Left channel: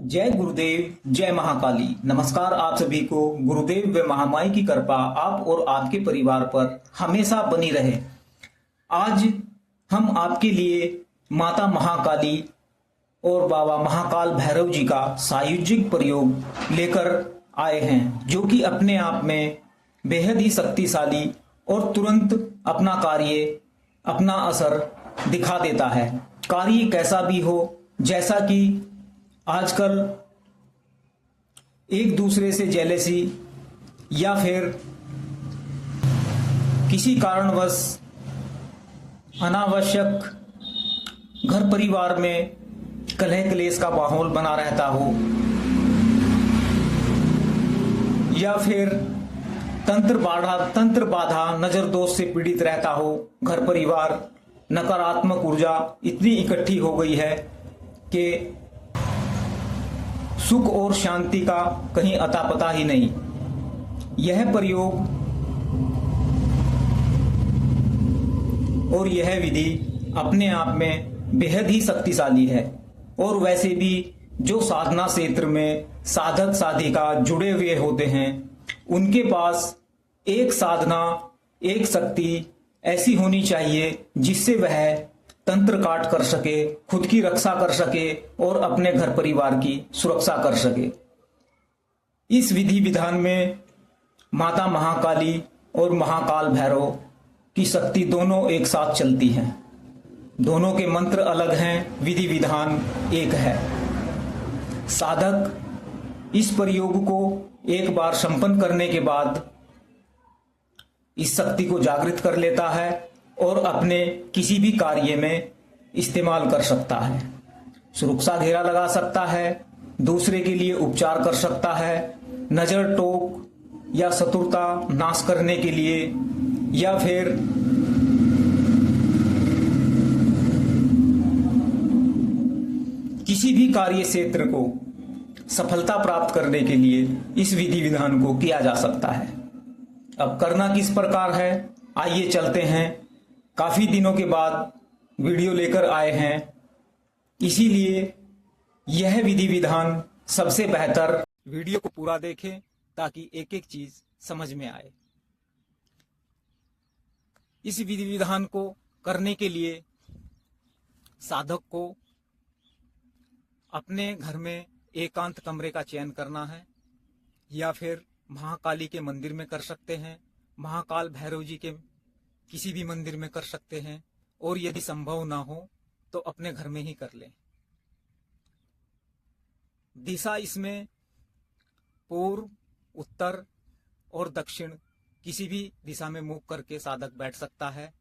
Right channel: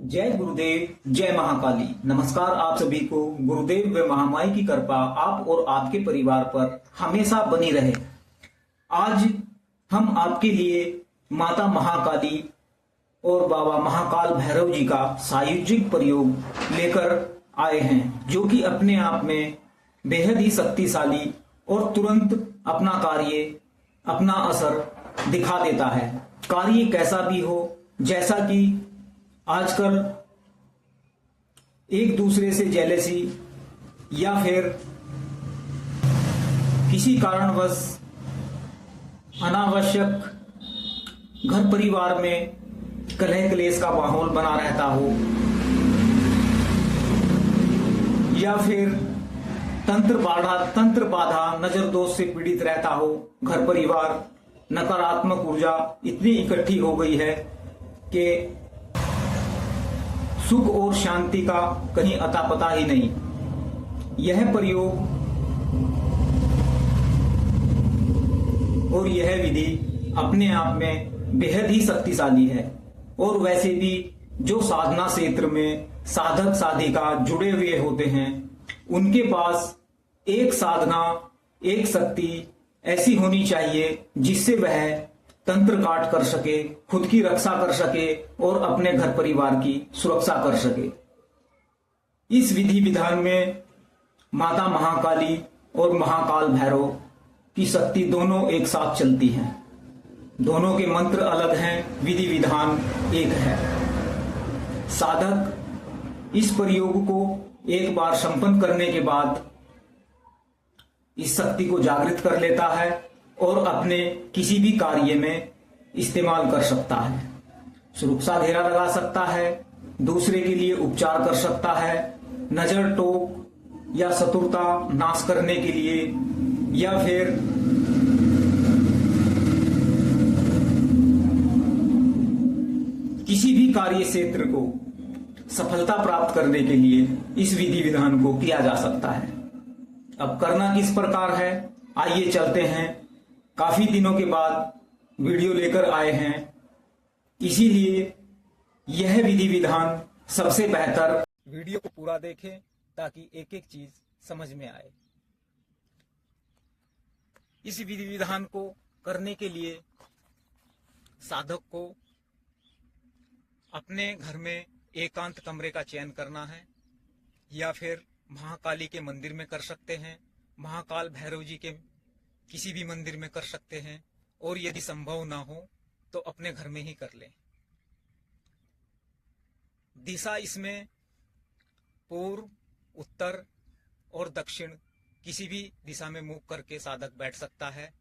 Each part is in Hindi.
जय गुरुदेव, जय महाकाली। नमस्कार आप सभी को। गुरुदेव व महामाई की कृपा आप और आपके परिवार पर हमेशा बनी रहे। आज हम आपके लिए माता महाकाली और बाबा महाकाल भैरव जी का सायुज्यिक प्रयोग लेकर आए हैं, जो कि अपने आप में बेहद ही शक्तिशाली और तुरंत अपना कार्य, अपना असर दिखा देता है। कार्य कैसा भी हो, जैसा कि आजकल एक दूसरे से जेलेसी या फिर किसी कारणवश अनावश्यक घर परिवार में कलह क्लेश का माहौल बना रहता हो, या फिर तंत्र बाधा नजर दोष से पीड़ित रहता हो, घर परिवार नकारात्मक ऊर्जा इतनी इकट्ठी हो गई है कि सुख और शांति का कहीं अता पता ही नहीं। यह प्रयोग और यह विधि अपने आप में बेहद ही शक्तिशाली है। और वैसे भी जो साधना क्षेत्र में साधक साधिका जुड़े हुए होते हैं, उनके पास एक साधना, एक शक्ति ऐसी होनी चाहिए जिससे वह तंत्र काट कर सके, खुद की रक्षा कर सके और अपने घर परिवार की सुरक्षा कर सके। इस विधि विधान में माता महाकाली और महाकाल भैरव की शक्ति दोनों एक साथ चलती हैं। दोनों के मंत्र अलग हैं, विधि विधान एक है। साधक इस प्रयोग को एक बार संपन्न करने के बाद इस शक्ति को जागृत कर लेता है और अपने किसी भी कार्य में इस्तेमाल कर सकता है। सुरक्षा घेरा लगा सकता है, दूसरे के लिए उपचार कर सकता है, नजर टोक या शत्रुता नाश करने के लिए, या फिर किसी भी कार्य क्षेत्र को सफलता प्राप्त करने के लिए इस विधि विधान को किया जा सकता है। अब करना किस प्रकार है, आइए चलते हैं। काफी दिनों के बाद वीडियो लेकर आए हैं, इसीलिए यह विधि विधान सबसे बेहतर। वीडियो को पूरा देखें ताकि एक एक चीज समझ में आए। इस विधि विधान को करने के लिए साधक को अपने घर में एकांत कमरे का चयन करना है, या फिर महाकाली के मंदिर में कर सकते हैं, महाकाल भैरव जी के किसी भी मंदिर में कर सकते हैं, और यदि संभव ना हो तो अपने घर में ही कर लें। दिशा इसमें पूर्व, उत्तर और दक्षिण किसी भी दिशा में मुख करके साधक बैठ सकता है।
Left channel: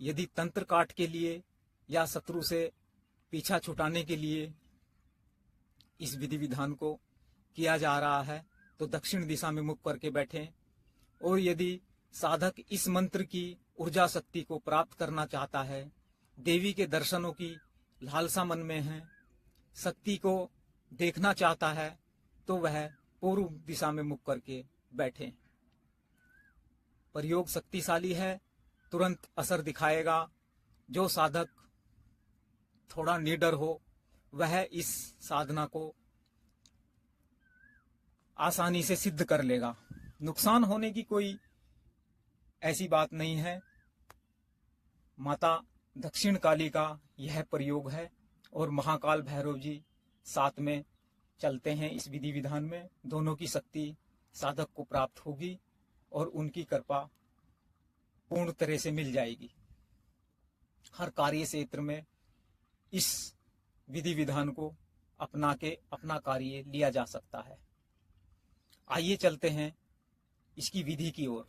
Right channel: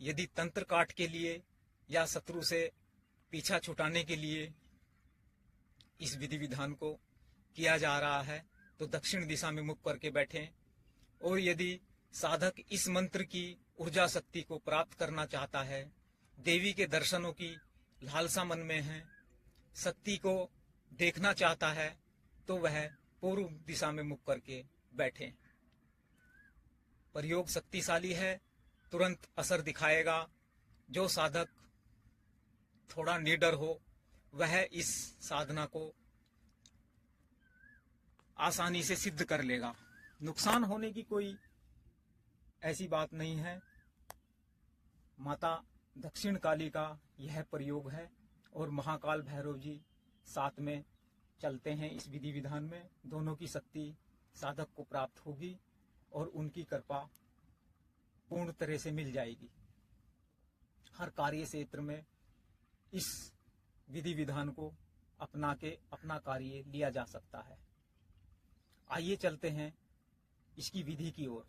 यदि तंत्र काट के लिए या शत्रु से पीछा छुटाने के लिए इस विधि विधान को किया जा रहा है तो दक्षिण दिशा में मुख करके बैठें। और यदि साधक इस मंत्र की ऊर्जा शक्ति को प्राप्त करना चाहता है, देवी के दर्शनों की लालसा मन में है, शक्ति को देखना चाहता है, तो वह पूर्व दिशा में मुख करके बैठे। प्रयोग शक्तिशाली है, तुरंत असर दिखाएगा। जो साधक थोड़ा निडर हो वह इस साधना को आसानी से सिद्ध कर लेगा। नुकसान होने की कोई ऐसी बात नहीं है। माता दक्षिण काली का यह प्रयोग है और महाकाल भैरव जी साथ में चलते हैं इस विधि विधान में। दोनों की शक्ति साधक को प्राप्त होगी और उनकी कृपा पूर्ण तरह से मिल जाएगी। हर कार्य क्षेत्र में इस विधि विधान को अपना के अपना कार्य लिया जा सकता है। आइए चलते हैं इसकी विधि की ओर।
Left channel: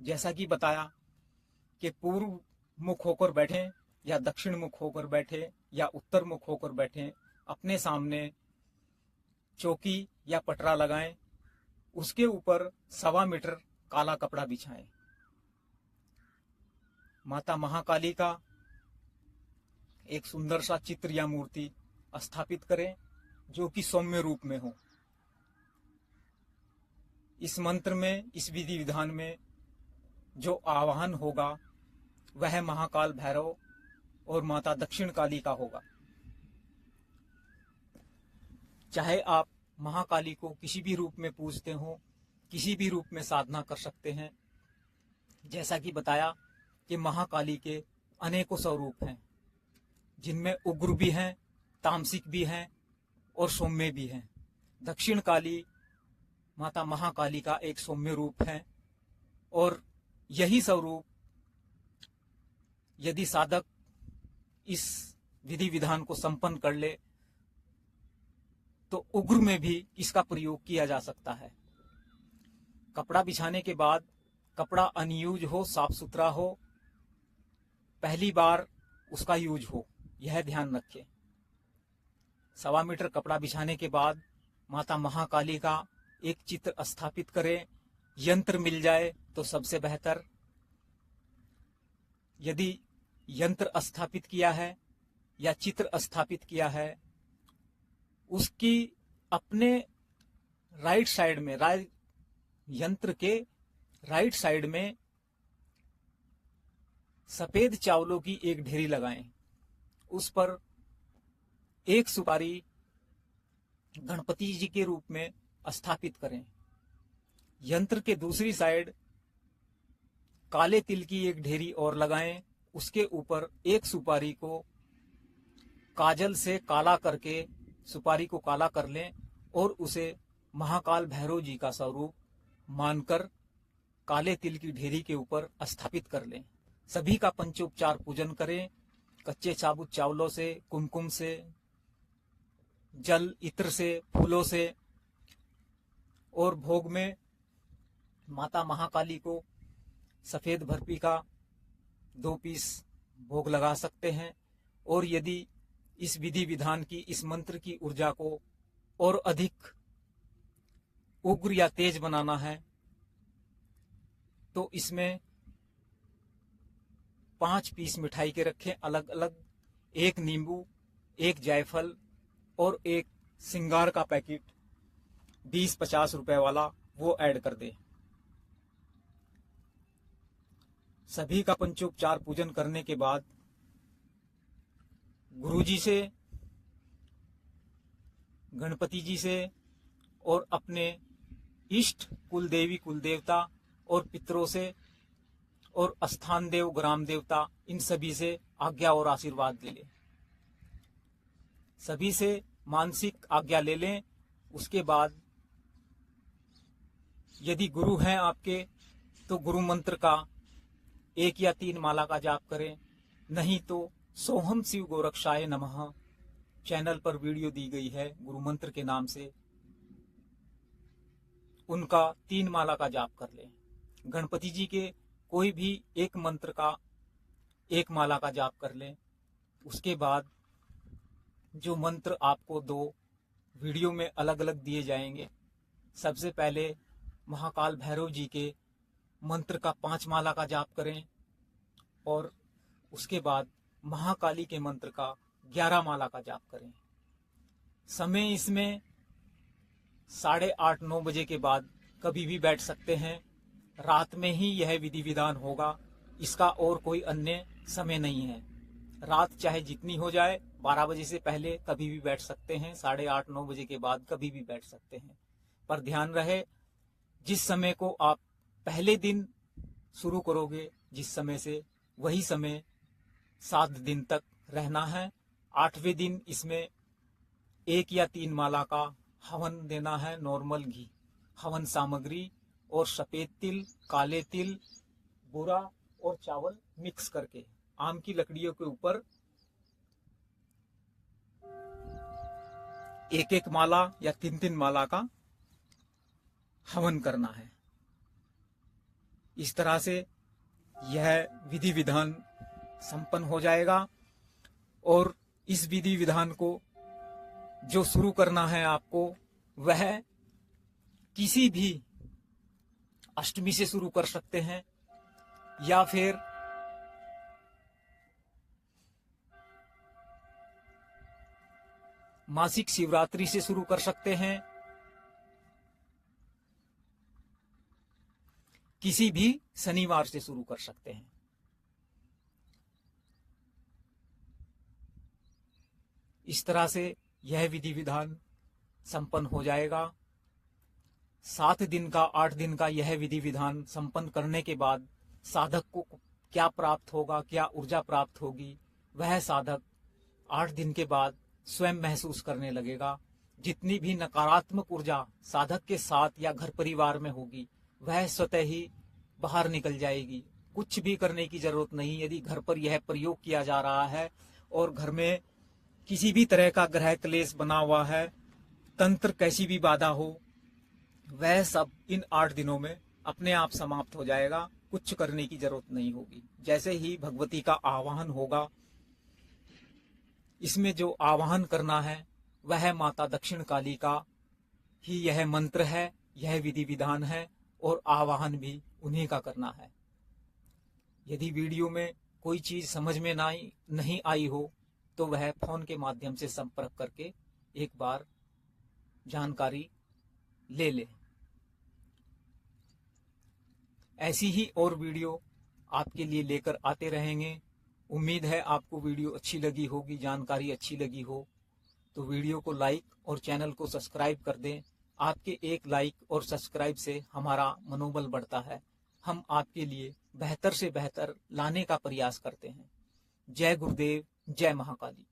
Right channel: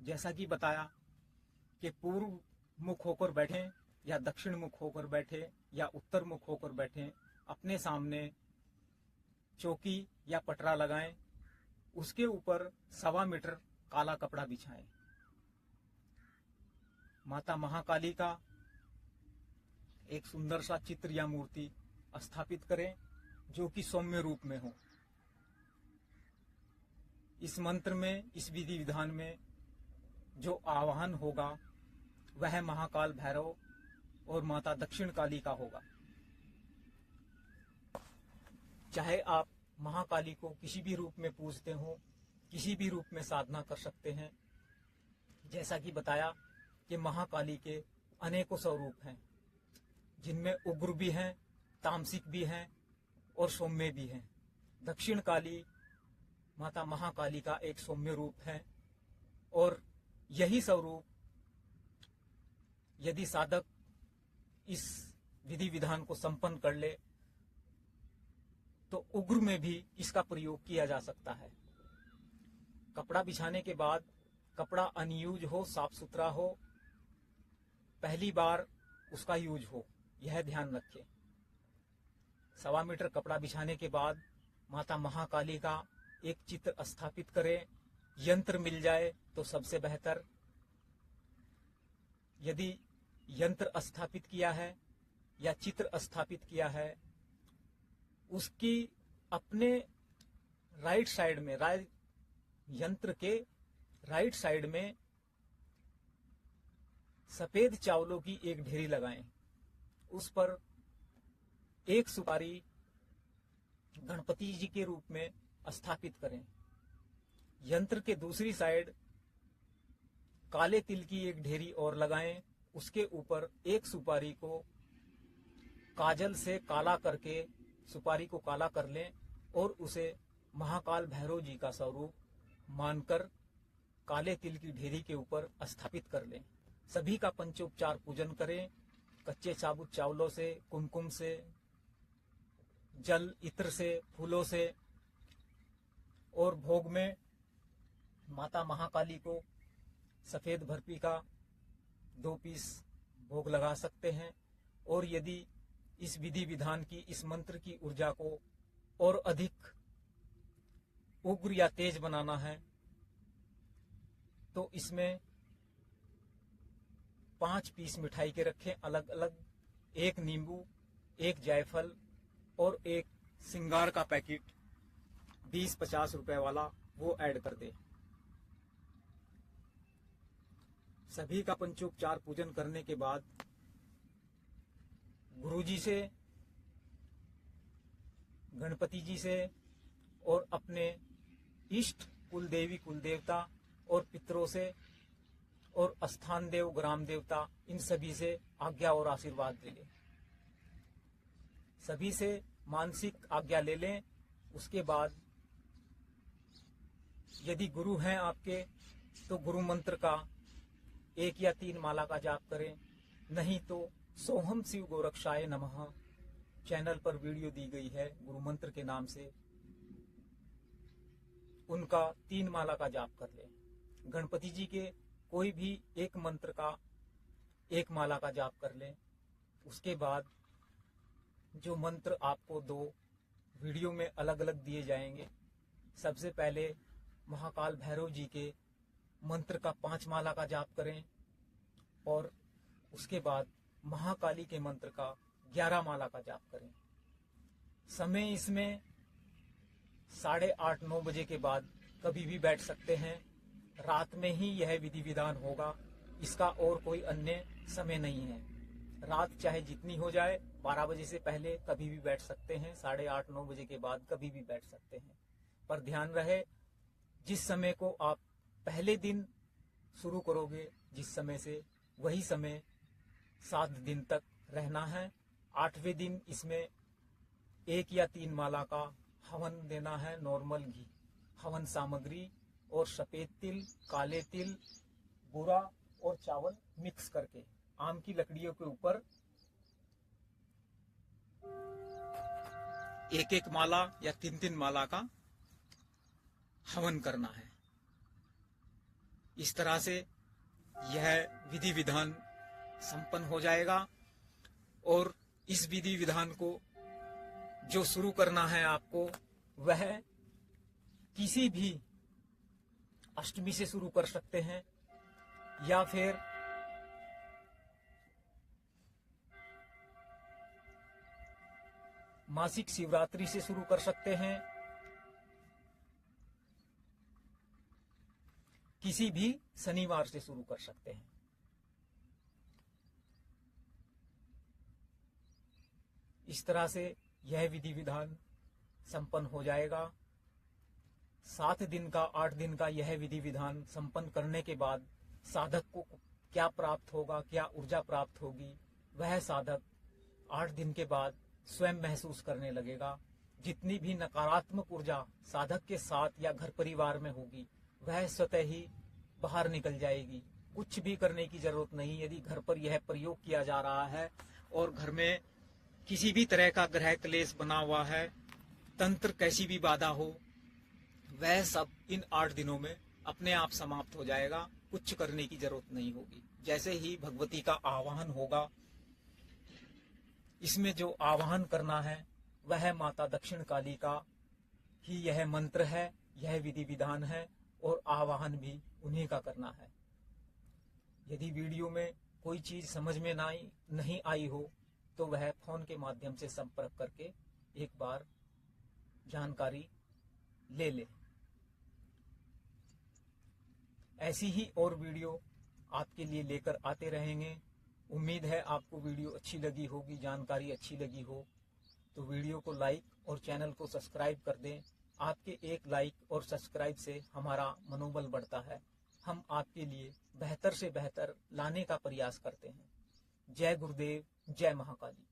जैसा कि बताया कि पूर्व मुख होकर बैठें या दक्षिण मुख होकर बैठे या उत्तर मुख होकर बैठें, अपने सामने चौकी या पटरा लगाएं, उसके ऊपर 1.25 मीटर काला कपड़ा बिछाएं। माता महाकाली का एक सुंदर सा चित्र या मूर्ति स्थापित करें जो कि सौम्य रूप में हो। इस मंत्र में, इस विधि विधान में जो आवाहन होगा वह महाकाल भैरव और माता दक्षिण काली का होगा। चाहे आप महाकाली को किसी भी रूप में पूजते हो, किसी भी रूप में साधना कर सकते हैं। जैसा कि बताया कि महाकाली के अनेकों स्वरूप हैं, जिनमें उग्र भी हैं, तामसिक भी हैं और सौम्य भी हैं। दक्षिण काली माता महाकाली का एक सौम्य रूप है और यही स्वरूप यदि साधक इस विधि विधान को संपन्न कर ले तो उग्र में भी इसका प्रयोग किया जा सकता है। कपड़ा बिछाने के बाद कपड़ा अनयूज हो, साफ सुथरा हो, पहली बार उसका यूज हो, यह ध्यान रखें। 1.25 मीटर कपड़ा बिछाने के बाद माता महाकाली का एक चित्र स्थापित करें। यंत्र मिल जाए तो सबसे बेहतर। यदि यंत्र स्थापित किया है या चित्र स्थापित किया है, उसकी अपने राइट साइड में, यंत्र के राइट साइड में सफेद चावलों की एक ढेरी लगाएं। उस पर एक सुपारी गणपति जी के रूप में स्थापित करें। यंत्र के दूसरी साइड काले तिल की एक ढेरी और लगाएं। उसके ऊपर एक सुपारी को काजल से काला करके सुपारी को काला कर लें और उसे महाकाल भैरव जी का स्वरूप मानकर काले तिल की ढेरी के ऊपर स्थापित कर लें। सभी का पंचोपचार पूजन करें। कच्चे साबुत चावलों से, कुमकुम से, जल इत्र से, फूलों से, और भोग में माता महाकाली को सफेद बर्फी का 2 पीस भोग लगा सकते हैं। और यदि इस विधि विधान की, इस मंत्र की ऊर्जा को और अधिक उग्र या तेज बनाना है तो इसमें 5 पीस मिठाई के रखें अलग अलग, 1 नींबू, 1 जायफल और 1 सिंगार का पैकेट 20-50 रुपए वाला वो ऐड कर दे। सभी का पंचोपचार पूजन करने के बाद गुरुजी से, गणपति जी से और अपने इष्ट कुल देवी कुल देवता और पितरों से और स्थान देव ग्राम देवता, इन सभी से आज्ञा और आशीर्वाद ले लें। सभी से मानसिक आज्ञा ले लें। उसके बाद यदि गुरु हैं आपके तो गुरु मंत्र का 1 या 3 माला का जाप करें। नहीं तो सोहम शिव गोरक्षाय नमः चैनल पर वीडियो दी गई है गुरु मंत्र के नाम से, उनका 3 माला का जाप कर लें। गणपति जी के कोई भी एक मंत्र का 1 माला का जाप कर लें। उसके बाद जो मंत्र आपको 2 वीडियो में अलग अलग दिए जाएंगे, सबसे पहले महाकाल भैरव जी के मंत्र का 5 माला का जाप करें और उसके बाद महाकाली के मंत्र का 11 माला का जाप करें। समय इसमें 8:30-9 बजे के बाद कभी भी बैठ सकते हैं। रात में ही यह विधि विधान होगा, इसका और कोई अन्य समय नहीं है। रात चाहे जितनी हो जाए, 12 बजे से पहले कभी भी बैठ सकते हैं, 8:30-9 बजे के बाद कभी भी बैठ सकते हैं। पर ध्यान रहे, जिस समय को आप पहले दिन शुरू करोगे जिस समय से, वही समय 7 दिन तक रहना है। 8वें दिन इसमें 1 या 3 माला का हवन देना है, नॉर्मल घी, हवन सामग्री और सफेद तिल, काले तिल, बूरा और चावल मिक्स करके आम की लकड़ियों के ऊपर 1-1 माला या 3-3 माला का हवन करना है। इस तरह से यह विधि विधान संपन्न हो जाएगा। और इस विधि विधान को जो शुरू करना है आपको, वह किसी भी अष्टमी से शुरू कर सकते हैं या फिर मासिक शिवरात्रि से शुरू कर सकते हैं। किसी भी शनिवार से शुरू कर सकते हैं। इस तरह से यह विधि विधान संपन्न हो जाएगा। 7 दिन का 8 दिन का यह विधि विधान संपन्न करने के बाद साधक को क्या प्राप्त होगा, क्या ऊर्जा प्राप्त होगी, वह साधक 8 दिन के बाद स्वयं महसूस करने लगेगा। जितनी भी नकारात्मक ऊर्जा साधक के साथ या घर परिवार में होगी वह स्वतः ही बाहर निकल जाएगी। कुछ भी करने की जरूरत नहीं। यदि घर पर यह प्रयोग किया जा रहा है और घर में किसी भी तरह का ग्रह क्लेश बना हुआ है, तंत्र कैसी भी बाधा हो, वह सब इन 8 दिनों में अपने आप समाप्त हो जाएगा। कुछ करने की जरूरत नहीं होगी। जैसे ही भगवती का आवाहन होगा, इसमें जो आवाहन करना है वह माता दक्षिण काली का ही यह मंत्र है, यह विधि विधान है और आवाहन भी उन्हीं का करना है। यदि वीडियो में कोई चीज समझ में नहीं आई हो तो वह फोन के माध्यम से संपर्क करके एक बार जानकारी ले ले। ऐसी ही और वीडियो आपके लिए लेकर आते रहेंगे। उम्मीद है आपको वीडियो अच्छी लगी होगी, जानकारी अच्छी लगी हो तो वीडियो को लाइक और चैनल को सब्सक्राइब कर दें। आपके एक लाइक और सब्सक्राइब से हमारा मनोबल बढ़ता है। हम आपके लिए बेहतर से बेहतर लाने का प्रयास करते हैं। जय गुरुदेव, जय महाकाली।